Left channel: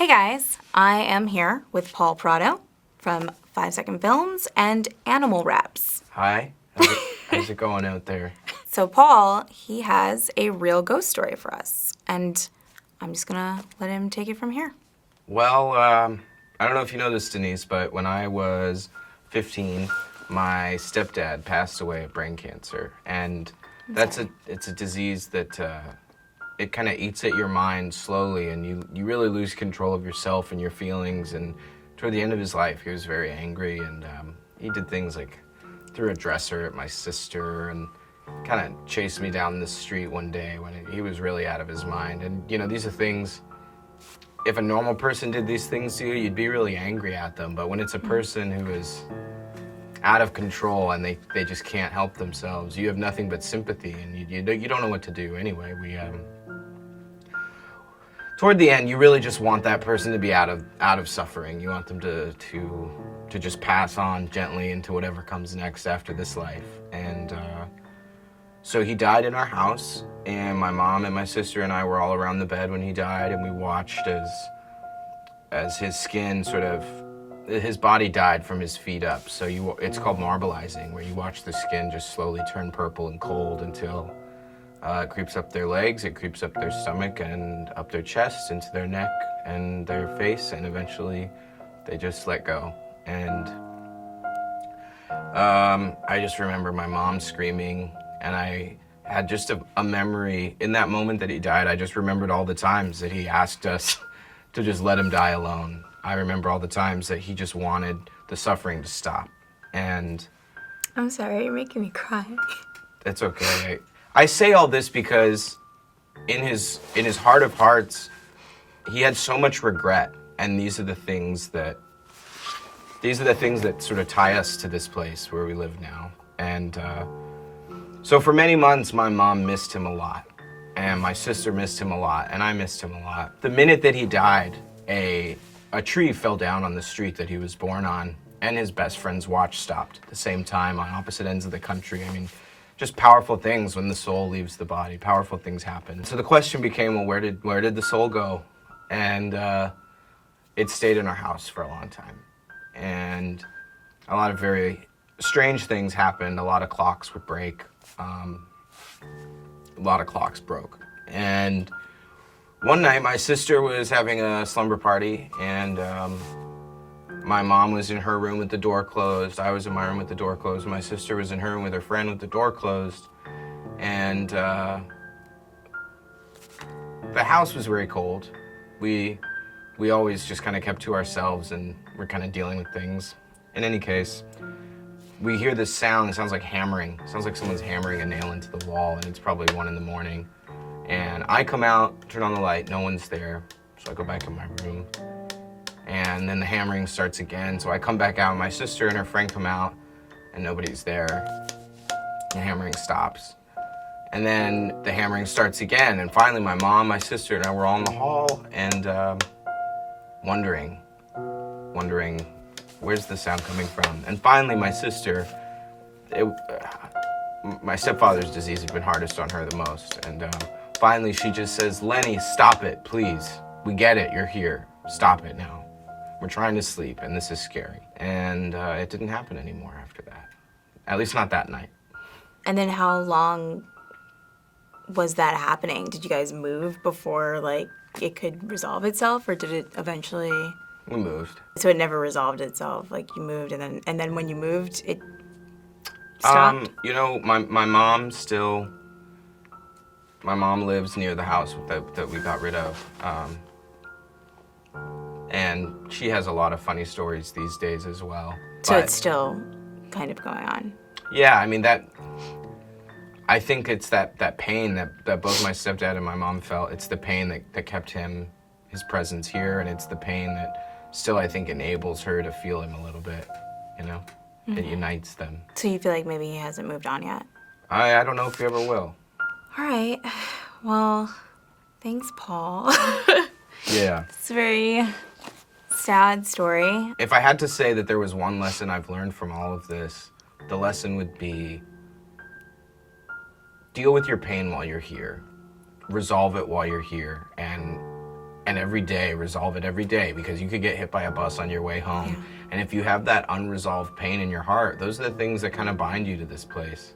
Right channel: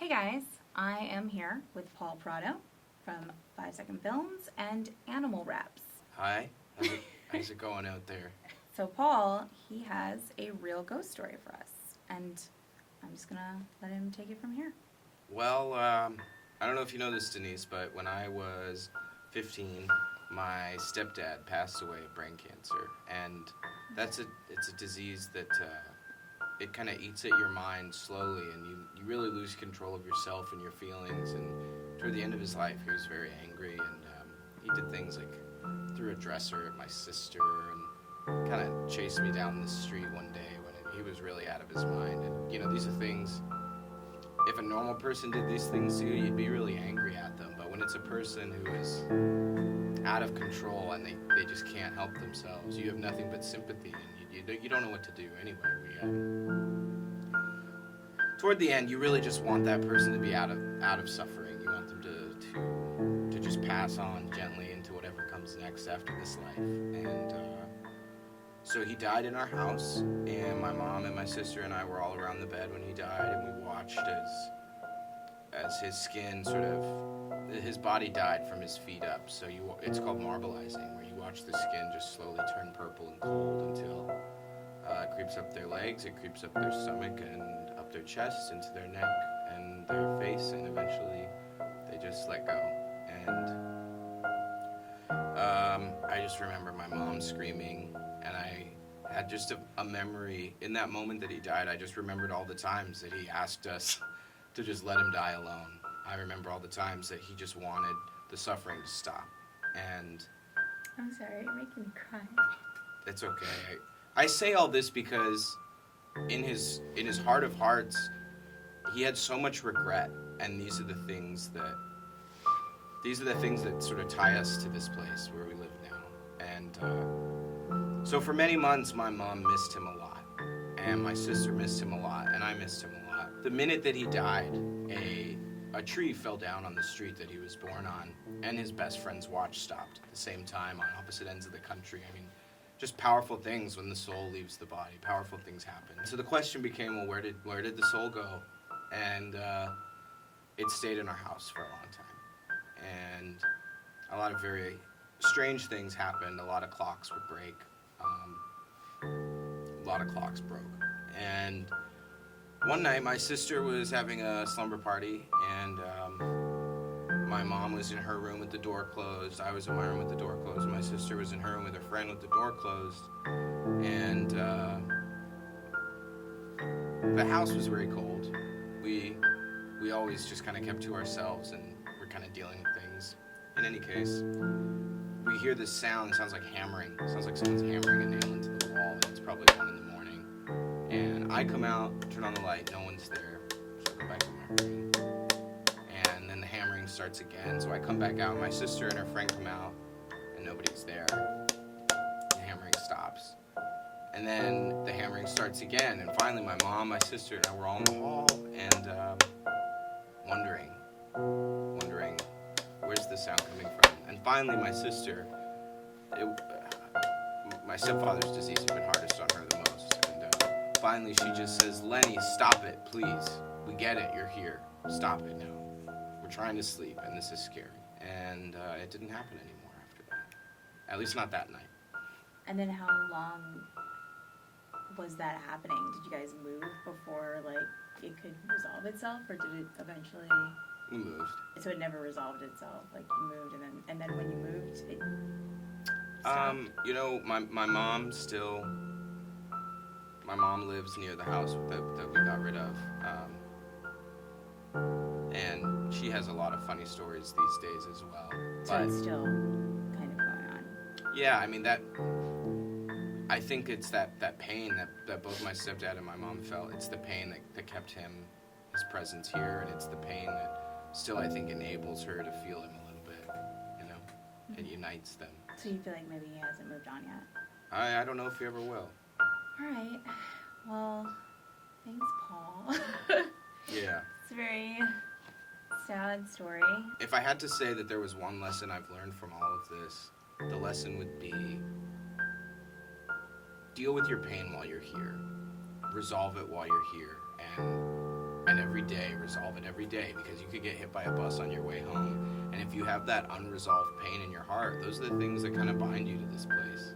Hey guys, I am here with Paul Prado from 5 Second Films and Animal Wraps. Hi, how's it going out there? So Paul, he has a real ghost story for us, and I'm just gonna let him take it from here. Well, I don't know if you know this, Denise, but when I was 15, my stepdad passed away of brain cancer, and it's a disease that it kind of eats at your mind slowly, and you really lose control of yourself and your feelings. And toward the end of his life, he was very angry, and he did things like threw a dresser at my sister and kind of chased me down the street one day when he was really out of his mind. And you know, these are things, if a normal person did these things to you, you'd be really angry at them. But when it's a person who is out of control and they just can't help themselves, you have nothing but sympathy, and you don't know what to do anyway. Toward the end, you really just want that person to be out of suffering. You want them to just pass on gently into whatever comes next after this life. And so he died in our house, and my mom and my sister and I were all around the bed when he died, and we watched as his skin his body died from his feet up. So it's called marbleizing, where you watch the skin just slowly turn purple and cold until it creeps up their legs, it creeps up their stomach and up their chest, into their neck and their face, and eventually they just let go. And I just remember my mom screaming, and I had just a memory in that moment that he died. I just remembered all the times that he asked us to just let him die alone. I remember all the times that he just wanted the suffering to stop. And I'm sorry, you're making me cry. it's okay. I say all this because in his heart of hearts, he had so much regret, and these are the things that sort of tie us to this place where we live now. And so for many months, my mom missed him a lot, and my sister missed him a lot, and I missed him a lot. The minute that he died, a tree fell down on the street that he was born on, and his best friend's watch stopped at the same time on opposite ends of the country. I mean, just powerful things when the soul leaves the body. Powerful things happen. So the question became, well, where did the soul go? And it stayed in our house for a long time. And a lot of very strange things happened. A lot of clocks would break. A lot of clocks broke. And one night my sister was having a slumber party, and my mom was in her room with the door closed. I was in my room with the door closed. My sister was in her room with her friend with the door closed. And the house was very cold. We always just kind of kept to ourselves, and we're kind of dealing with things. In any case, we hear this sound. It sounds like hammering. It sounds like someone's hammering a nail into the wall, and it's probably 1 a.m. And I come out, turn on the light, no one's there. So I go back in my room. And then the hammering starts again. So I come back out, my sister and her friend come out, and nobody's there. The hammering stops. And then the hammering starts again. And finally my mom, my sister, and I were all in the hall, and wondering, where's the sound coming from? And finally my sister, my stepfather's disease has been hardest on her the most. And finally she just says, "Lenny, stop it, please. We get it, you're here. Stop it now. We're trying to sleep, and this is scary." And it didn't happen anymore after that. At least not that night. And then how long was that happening? Did you guys move before, like, it could resolve itself, or did it eventually... We moved. So it never resolved itself, like you moved, and then when you moved, it stopped? You know, my mom lives near the house that we got rid of. And she has a lot of funny stories these days as well. So it's still kind of going on. Yeah, I mean, I think it's that pain that both my stepdad and my mom felt. It's the pain that kept his presence here, and it's the pain that still, I think, enables her to feel him a little bit, you know? Mm-hmm. It unites them. So you feel like maybe he hasn't moved on yet? I don't know if he ever will. All right. Well, thanks, Paul. Yeah. It's a very sad story. If I had to say that there was one lesson I've learned from all of this, the lesson would be deal with your pain while you're here. Resolve it while you're here, and and every day resolve it every day, because you could get hit by a bus on your way home. And if you have that unresolved pain in your heart, those are the things that kind of bind you to this place.